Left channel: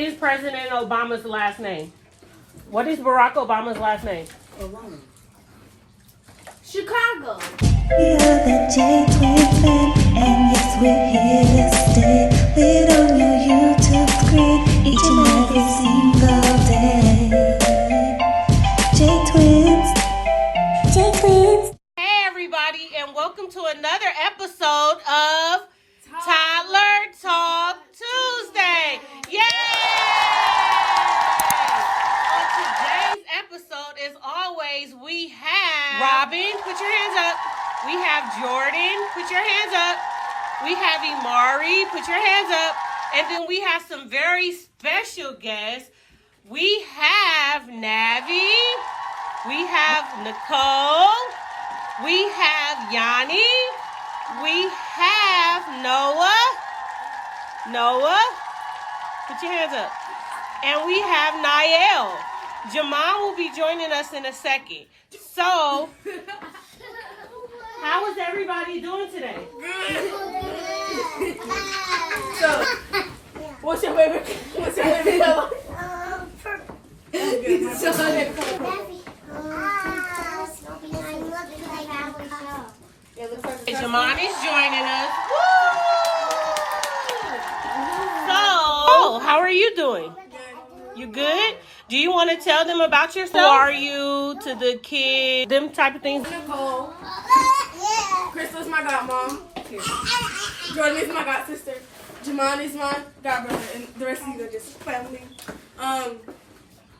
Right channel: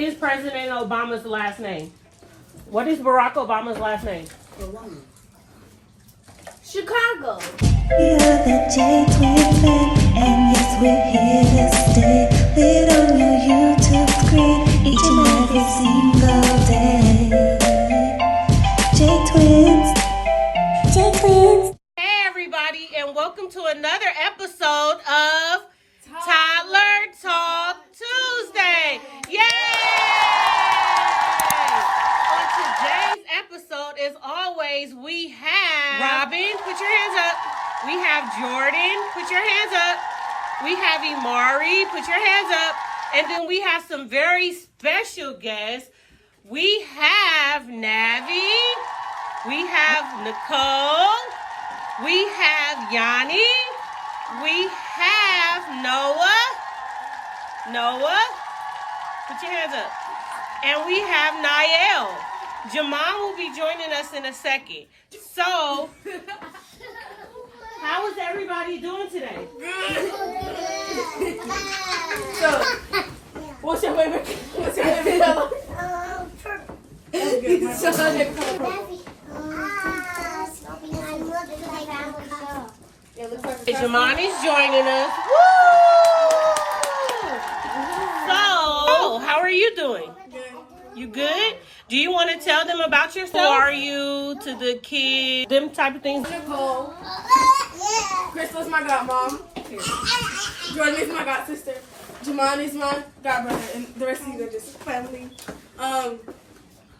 is President Obama's last name? What is Barack Obama's last name? Chicago. We are the Jtwinshc, and yes, we're here to stay. Lit on your YouTube screen each and every single day. Jtwins. Hey everybody, and welcome to another episode of Toddler Talk Tuesday. Yay! On today's episode, as always, we have Robin, put your hands up. We have Jordan, put your hands up. We have Imari, put your hands up. And then we have some very special guests. We have Navi. We have Nicole. We have Yanni. We have Noah. Noah, put your hands up. And we have Niall. Jamal will be joining us in a second. So, how is everybody doing today? Good. So, what's your favorite color? Jamal is joining us. So, how are you doing? You good? Do you want to tell them about yourself? Who are you to the kids? Them type of things. Nicole. Crystal's my godmom. Jordan is my god sister. Jamon is my god brother, and the rest of you are just family. My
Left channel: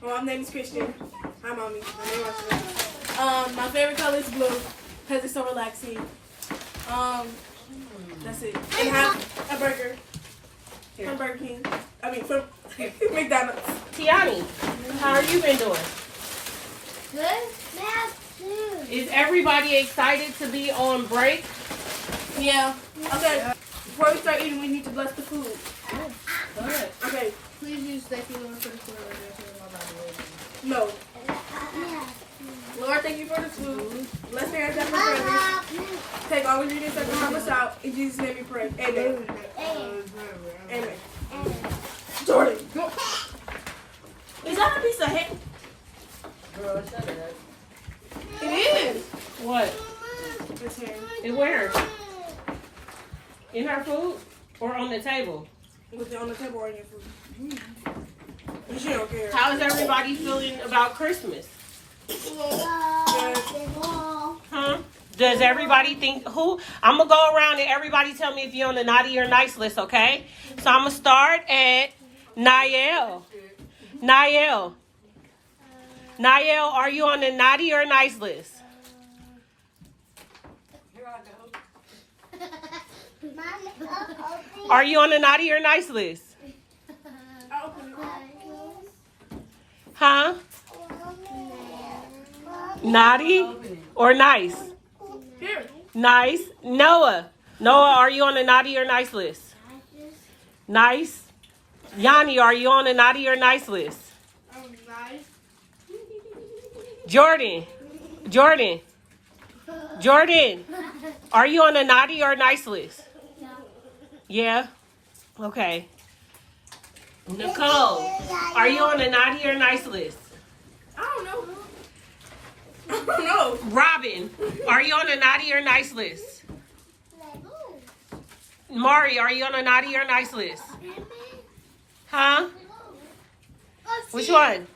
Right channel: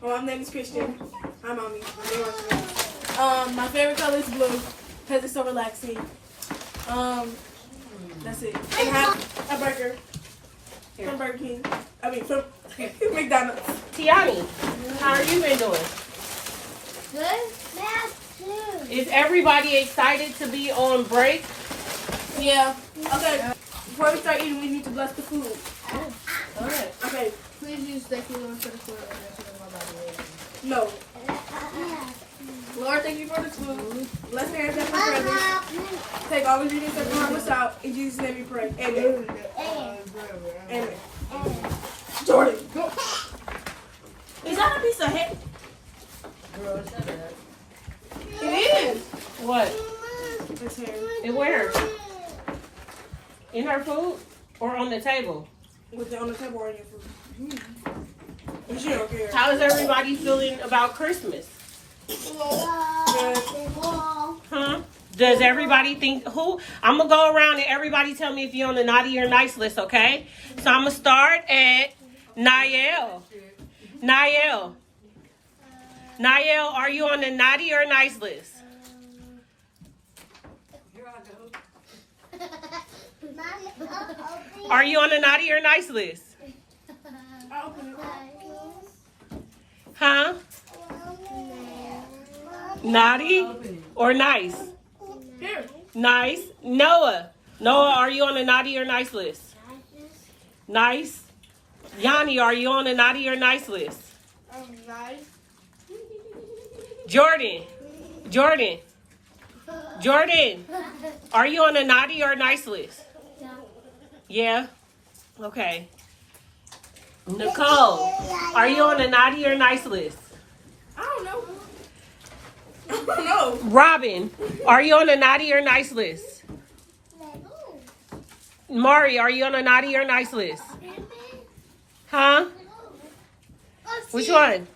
mom's name is Christian. Hi, mommy. My favorite color is blue because it's so relaxing. That's it. And have a burger from Burger King. I mean, from McDonald's. Tiani, how are you been doing? Good. Is everybody excited to be on break? Yeah. Okay. Before we start eating, we need to bless the food. Okay. Please use thank you, Lord, for the food. No. Lord, thank you for the food. Bless the hands of my brothers. Take all ingredients that harm us out. In Jesus' name we pray. Amen. Amen. Jordan. Is that a piece of hair? It is. What? It's hair. And where? In her food or on the table? With it on the table or in your food. And she don't care. How is everybody feeling about Christmas? Huh? Does everybody think who? I'm gonna go around and everybody tell me if you're on the naughty or nice list, okay? So I'm gonna start at Niall. Niall. Niall, are you on the naughty or nice list? Are you on the naughty or nice list? Huh? Naughty or nice? Here. Nice. Noah. Noah, are you on the naughty or nice list? Nice. Yanni, are you on the naughty or nice list? Nice. Jordan. Jordan. Jordan. Are you on the naughty or nice list? Yeah? Okay. Nicole, are you on the naughty or nice list? I don't know. I don't know. Robin, are you on the naughty or nice list? Mari, are you on the naughty or nice list? Huh? Which one?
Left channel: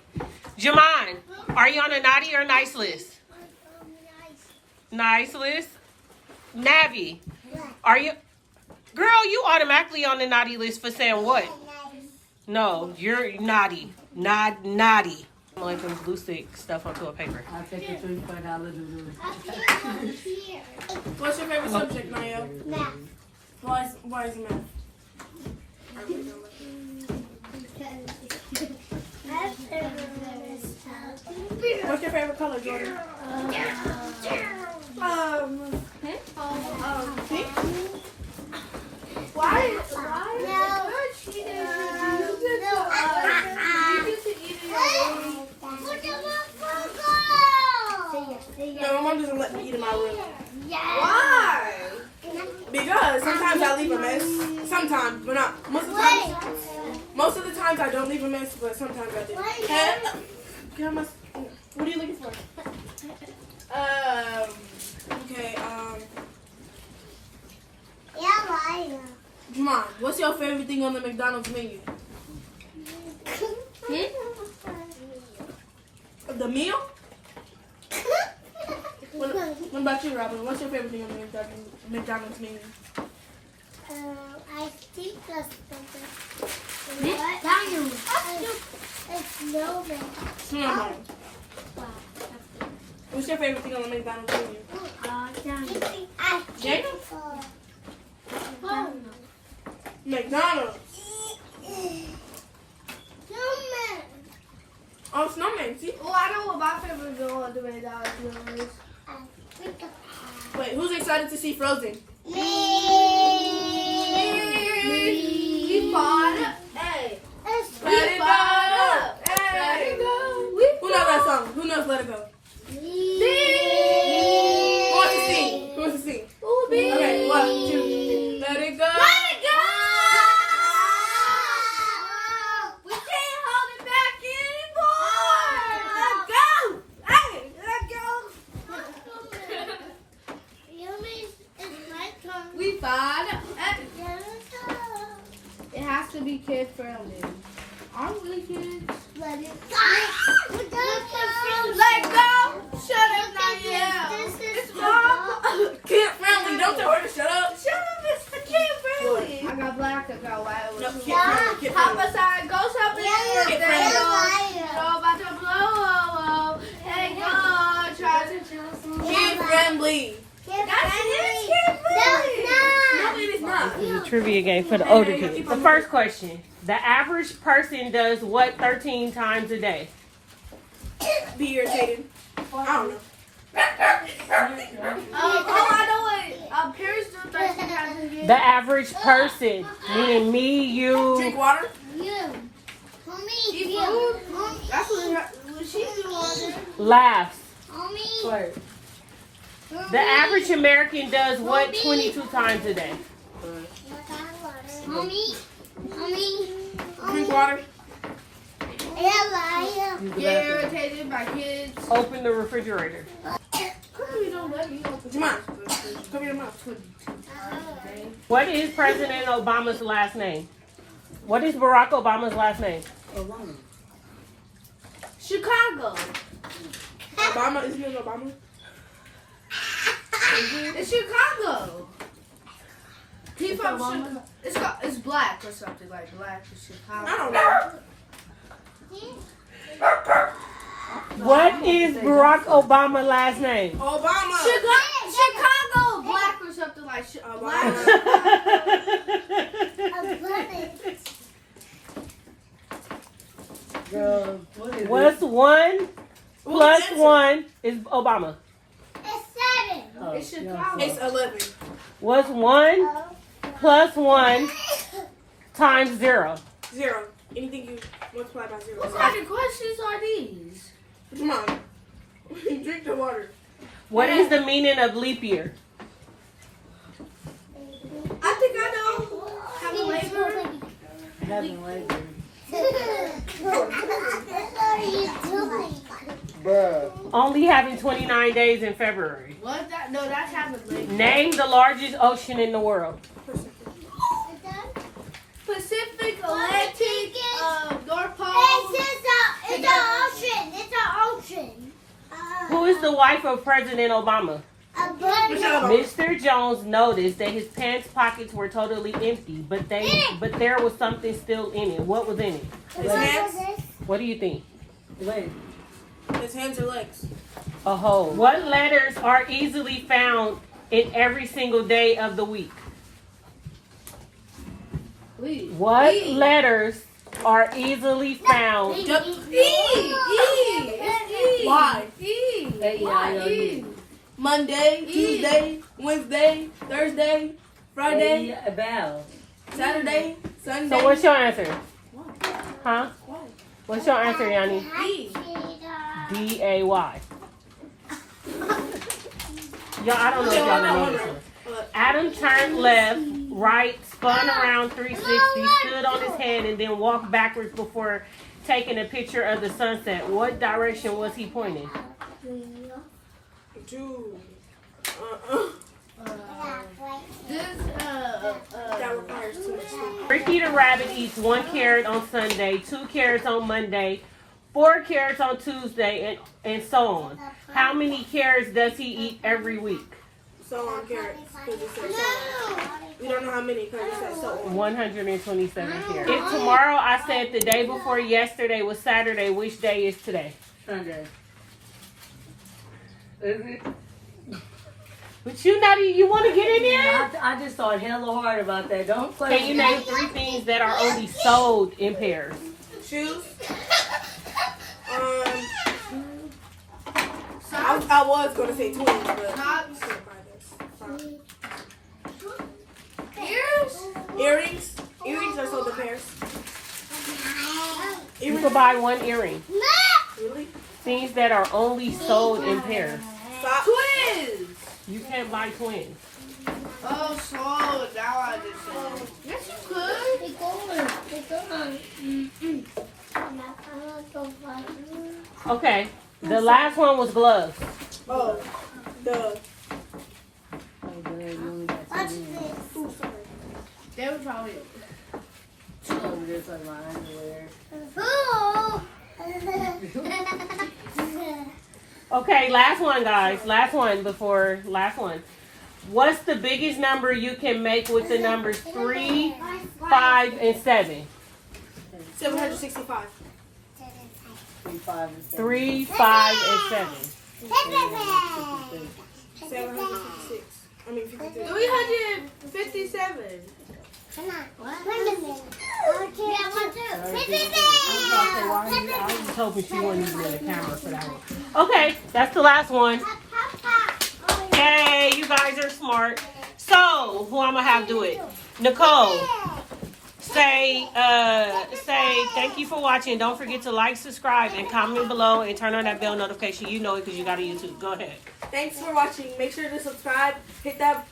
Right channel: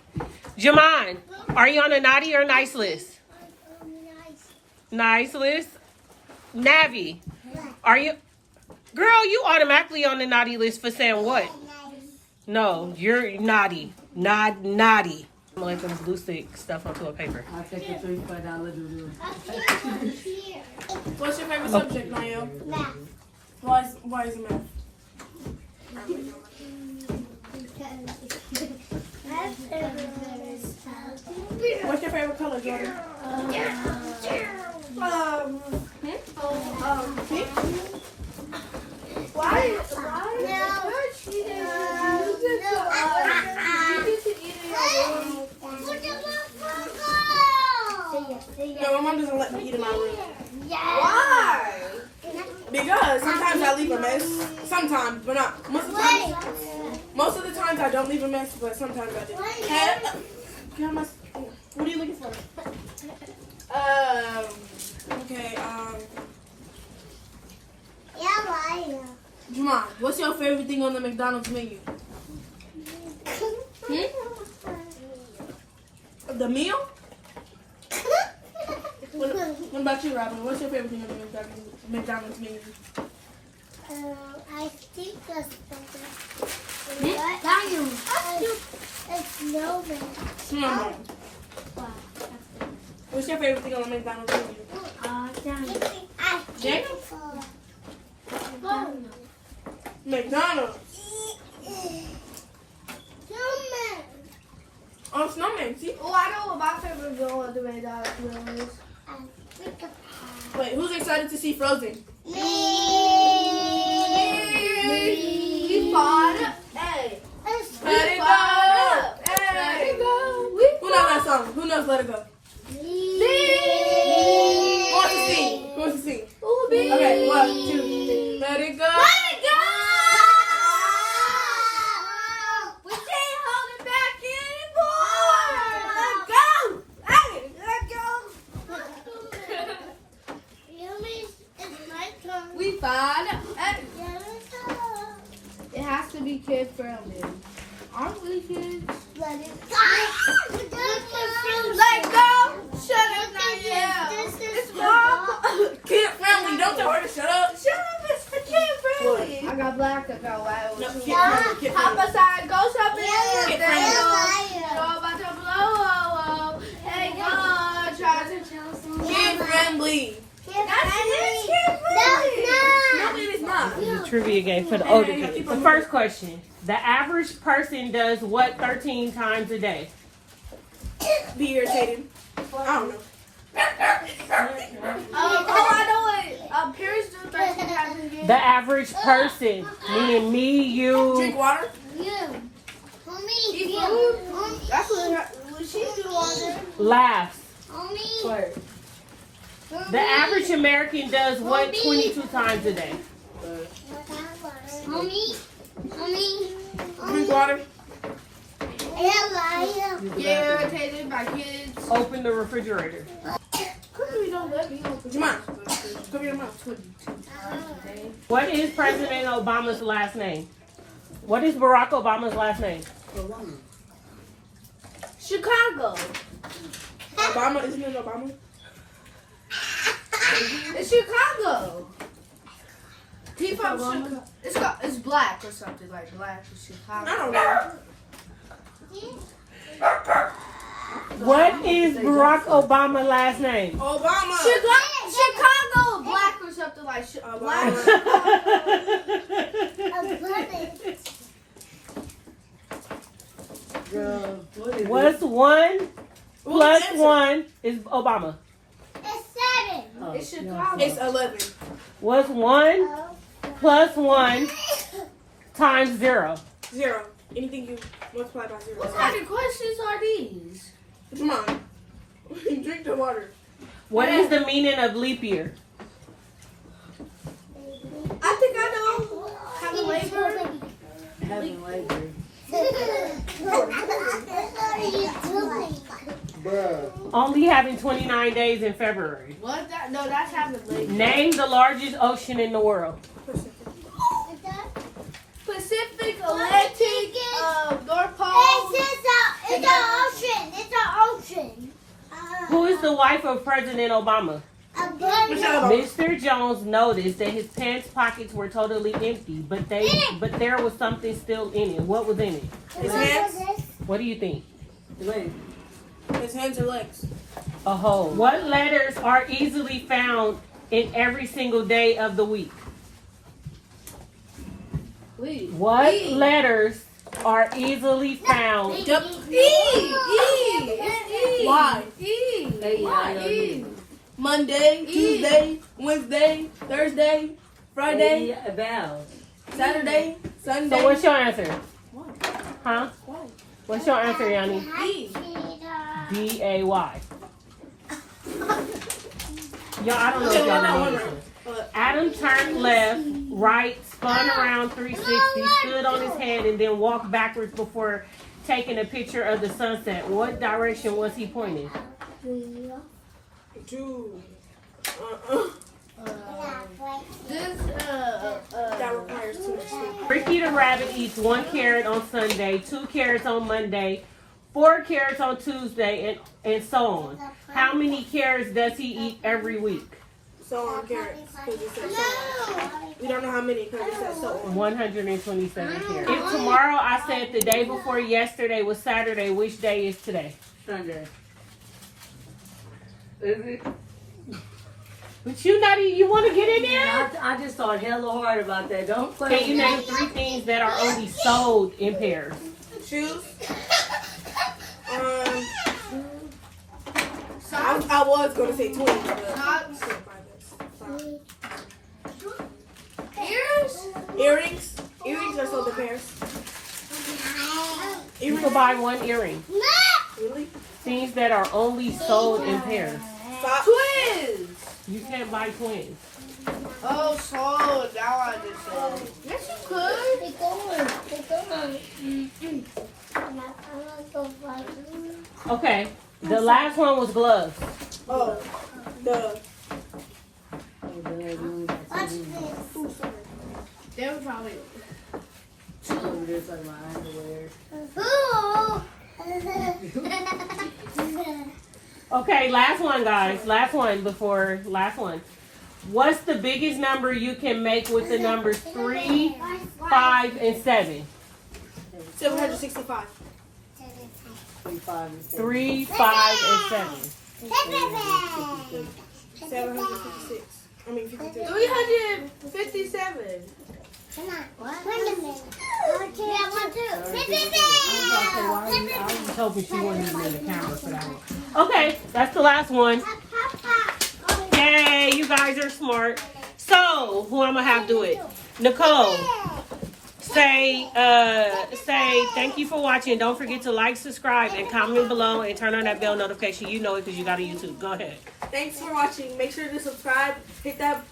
Jamon, are you on the naughty or nice list? Nice list. Navi, are you? Girl, you automatically on the naughty list for saying what? No, you're naughty. Naughty. I'm gonna let them glue stick stuff onto a paper. I'll take it to $5. What's your favorite subject, Niall? Math. Why is it math? What's your favorite color, Jordan? Pink? Why? No, my mom doesn't let me eat in my room. Why? Because sometimes I leave a mess. Sometimes, but not most of the time. Most of the time Sometimes I don't leave a mess, but sometimes I do. Hey, what are you looking for? Okay, Jamon, what's your favorite thing on the McDonald's menu? The meal? What about you, Robin? What's your favorite thing on the McDonald's menu? I think that's something. It's snowman. Snowman. What's your favorite thing on the McDonald's menu? Jacob? McDonald's. Snowman. Oh, snowman. See? Oh, I know what my favorite girl on the McDonald's is. Wait, who's excited to see Frozen? We fought. Hey. Let it go. Let it go. Who knows that song? Who knows Let It Go? Who wants to sing? Who wants to sing? Okay, 1, 2, 3. Let it go. Let it go. We can't hold it back anymore. Let go. Hey, let go. We fought. It has to be kid friendly. Aren't we kids? Let it go. Let go. Shut up, Danielle. It's mom. Kid friendly. Don't tell her to shut up. Shut up. It's for kid friendly. I got black. I got white. No, kid friendly. Kid Hop friendly. aside. Go something. Kid friendly. Go about to blow. Hey, God. Try to Kid friendly. No, No, it is not. It's a trivia game for the older kids. The first question. The average person does what 13 times a day? Be irritated. I don't know. I know it. Parents do 13 times a day. The average person, meaning me, you. Drink water. That's what she do all day. Laughs. The average American does what 22 times a day? Drink water. Get irritated by kids. Open the refrigerator. You don't let me open. Jamon, cover your mouth. What is President Obama's last name? What is Barack Obama's last name? Chicago. Obama, isn't it Obama? It's Chicago. He from Chicago. It's black or something like black is Chicago. I don't know. What is Barack Obama's last name? Obama. Chicago, black or something like black. What's 1 plus 1 is Obama? It's Chicago. It's 11. What's 1 plus 1 times 0? 0. Anything you multiply by 0. What kind of questions are these? Come on. Drink the water. What is the meaning of leap year? I think I know. Have a labor. Only having 29 days in February. What that? No, that's having labor. Name the largest ocean in the world. Pacific, Atlantic, North Pole. It's an ocean. Who is the wife of President Obama? Mr. Jones noticed that his pants pockets were totally empty, but there was something still in it. What was in it? His hands. What do you think? His hands or legs. A hole. What letters are easily found in every single day of the week? What letters are easily found? E. Why? E. Monday, Tuesday, Wednesday, Thursday, Friday, Saturday, Sunday. So what's your answer? Why? Huh? Why? What's your answer, Yanni? D-A-Y. Yeah, I don't know. Yeah, I know what one that right. is. Adam turned left right, spun around 360, stood on his head, and then walked backwards before taking a picture of the sunset. What direction was he pointing? Two. That requires too much sleep. Ricky the rabbit eats 1 carrot on Sunday, 2 carrots on Monday, 4 carrots on Tuesday, and so on. How many carrots does he eat every week? So on carrots, because it says so on. We don't know how many because it says so on. 127 carrots. If tomorrow I said the day before yesterday was Saturday, which day is today? Sunday. Is it? But you want to get in there? I just thought hella hard about that. Don't play. Can you name 3 things that are only sold in pairs? Shoes. I was going to say twins, but earrings. Earrings are sold in pairs. You can buy 1 earring. Really? Things that are only sold in pairs. Twins. You can't buy twins. Oh, so now I understand. Yes, you could. Okay, the last one was gloves. Oh, the. What's this? Ooh, sorry. They were probably. over there talking about underwear. Okay, last one, guys. Last one. What's the biggest number you can make with the numbers 3, 5, and 7? 765. 3, 5, and 7. 3, 5, and 7. 756. I mean 53. 357. Come on. Wait a minute. Okay, I want to. I was hoping she wouldn't even the camera for that one. Okay, that's the last one. Yay, you guys are smart. So, who I'm gonna have do it? Nicole. Say thank you for watching. Don't forget to like, subscribe, and comment below and turn on that bell notification. You know it because you got a YouTube. Go ahead. Thanks for watching. Make sure to subscribe, hit that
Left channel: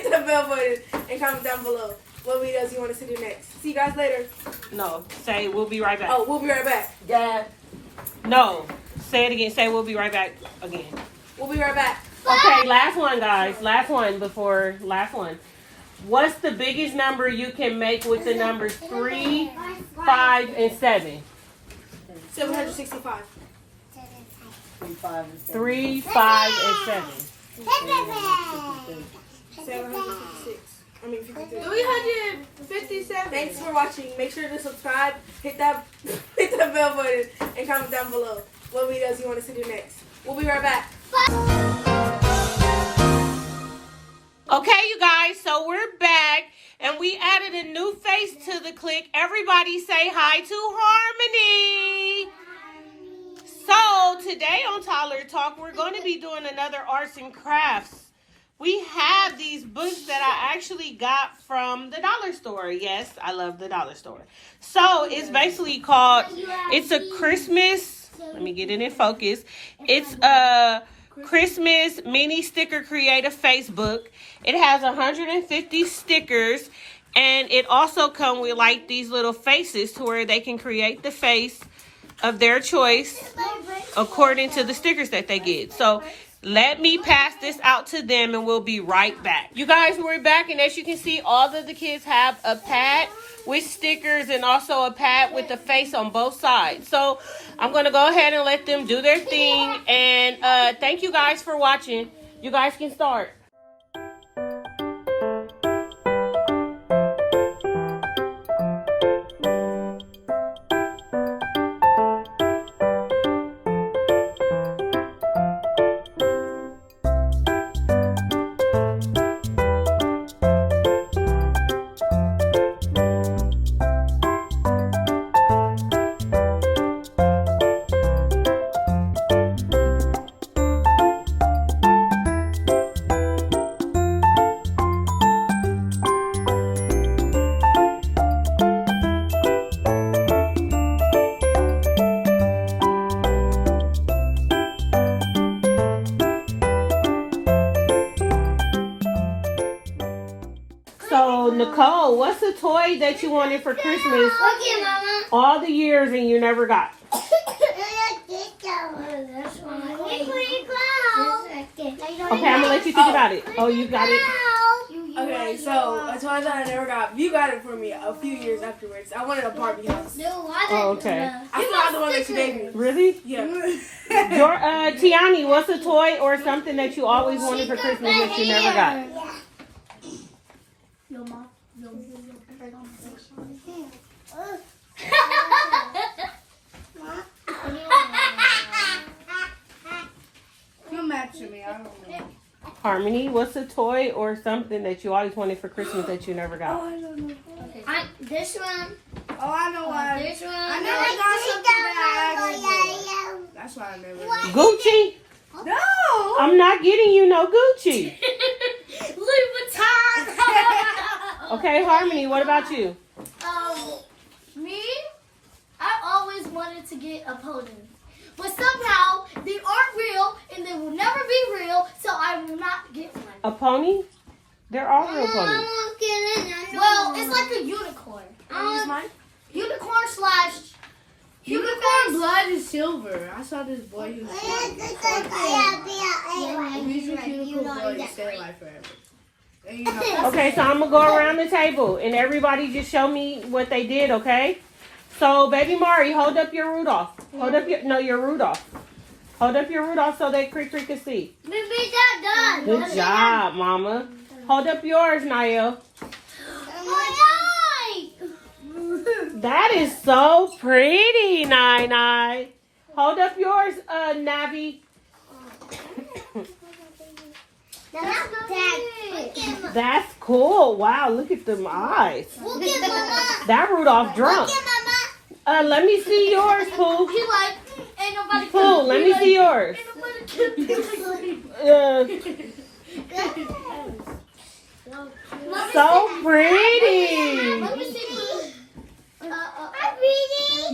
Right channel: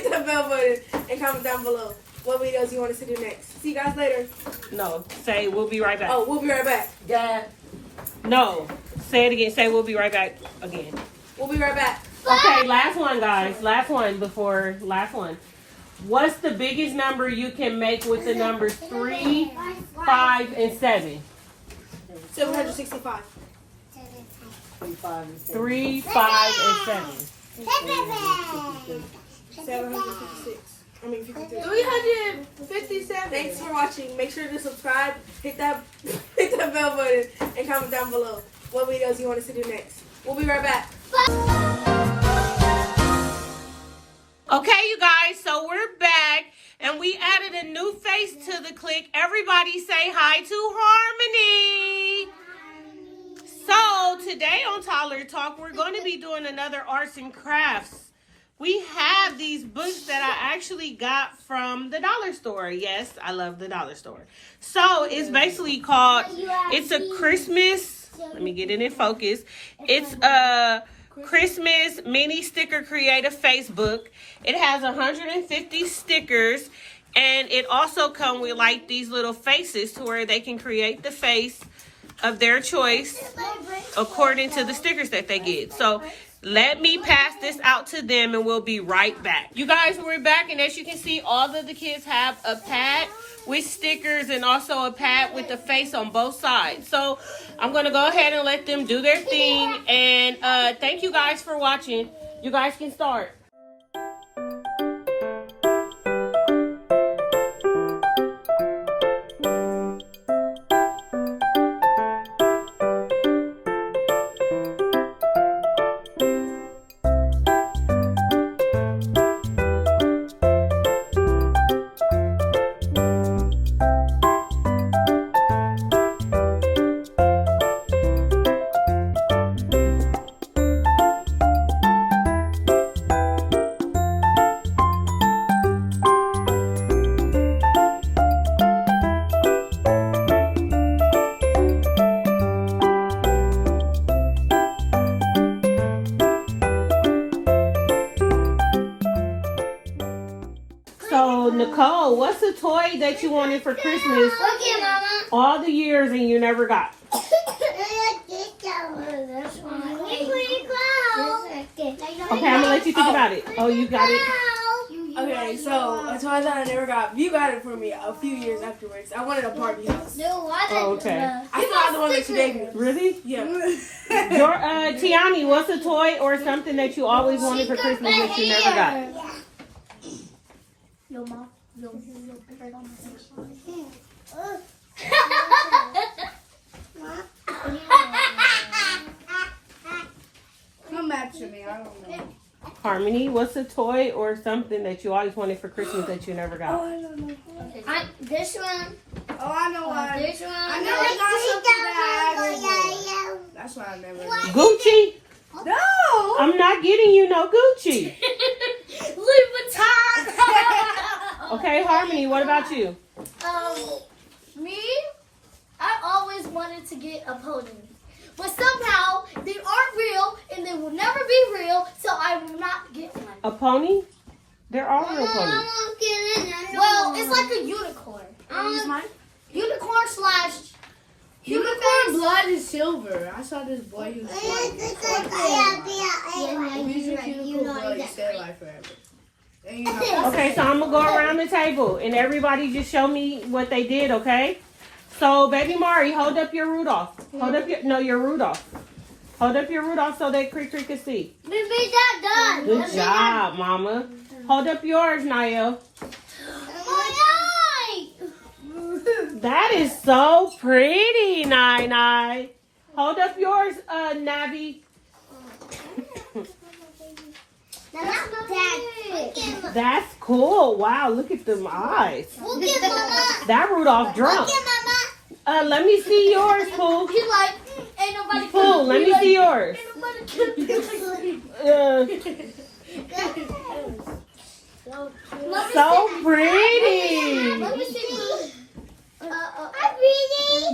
bell button, and comment down below what videos you want us to do next. See you guys later. No, say we'll be right back. Oh, we'll be right back. Yeah. No, say it again. Say we'll be right back again. We'll be right back. Okay, last one, guys. Last one. What's the biggest number you can make with the numbers 3, 5, and 7? 765. 3, 5, and 7. 3, 5, and 7. 756. I mean 53. 357. Thanks for watching. Make sure to subscribe, hit that bell button, and comment down below what videos you want us to do next. We'll be right back. Okay, you guys, so we're back, and we added a new face to the clique. Everybody say hi to Harmony. So, today on Toddler Talk, we're going to be doing another arts and crafts. We have these books that I actually got from the dollar store. Yes, I love the dollar store. So, it's basically called, it's a Christmas, let me get it in focus. It's a Christmas mini sticker creative Facebook. It has 150 stickers, and it also comes with like these little faces to where they can create the face of their choice according to the stickers that they get. So let me pass this out to them and we'll be right back. You guys, we're back, and as you can see, all of the kids have a pad with stickers and also a pad with the face on both sides. So I'm going to go ahead and let them do their thing, and thank you guys for watching. You guys can start. toy that you wanted for Christmas Okay, Mama. all the years and you never got? Okay, Okay, I'm gonna let you think about it. Oh, you got it. Okay, so a toy that I never got. You got it for me a few years afterwards. I wanted a party house. Oh, okay. I forgot the one that you gave me. Really? Yeah. Tiani, what's a toy or something that you always wanted for Christmas that you never got? Yo, Mom. Yo. Come back to me. I don't know. Harmony, what's a toy or something that you always wanted for Christmas that you never got? I don't know. This one. Oh, I know why. This one. I never got something that I asked for. That's why I never got. Gucci? No. I'm not getting you no Gucci. Louis Vuitton. Okay, Harmony, what about you? Me? I always wanted to get a pony. But somehow, they aren't real, and they will never be real, so I will not get one. A pony? They're all real ponies. Well, it's like a unicorn. Unicorn slash... Unicorn blood is silver. I saw this boy who's using unicorn blood to stay alive forever. And you have Okay, so I'm going to go around the table, and everybody just show me what they did, okay? So, baby Mari, hold up your Rudolph. Hold up your Rudolph. Hold up your Rudolph so that Crick can see. We made that done. Good job, Mama. Hold up yours, Niall. That is so pretty, Nai. Hold up yours, Navi. That's cool. Wow, look at them eyes. That Rudolph drunk. Let me see yours, Pooh. He like, ain't nobody Pooh, let me see yours. So pretty. Let me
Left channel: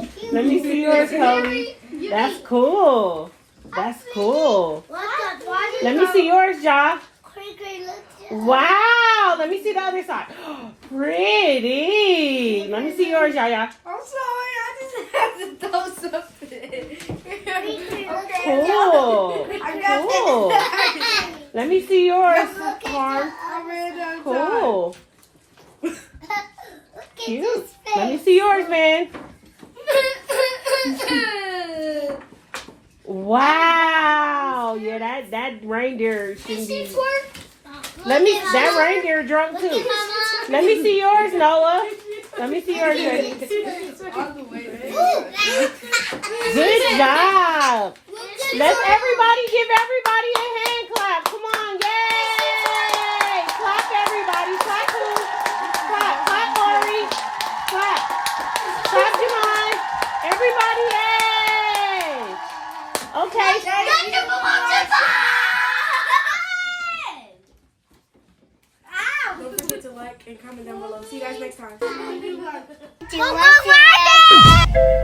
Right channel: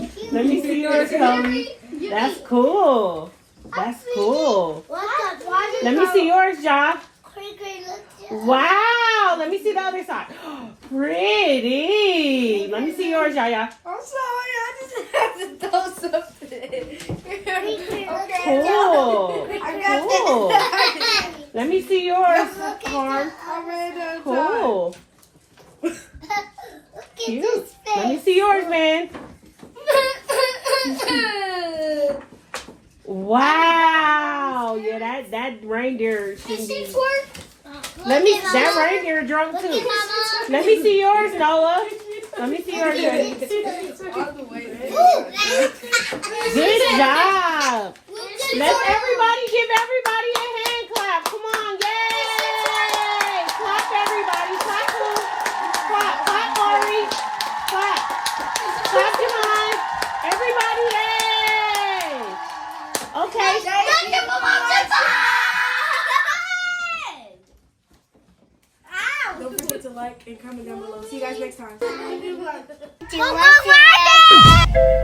see. Let me see yours, Chloe. That's cool. That's cool. Let me see yours, Ja. Wow. Let me see the other side. Pretty. Let me see yours, Yaya. I'm sorry, I just had to throw something. Cool. I got Cool. Let me see yours, Harm. I ran out of time. Cool. Cute. Let me see yours, man. Wow. Yeah, that reindeer shouldn't be. That reindeer drunk too. Let me see yours, Noah. Let me see yours. All the way there. Good job. Let's everybody give everybody a hand clap. Come on, yay! Clap everybody. Clap, Pooh. Clap, Mari. Clap. Clap, Jamon. Everybody, yay! Okay. Don't forget to like and comment down below. See you guys next time. We'll go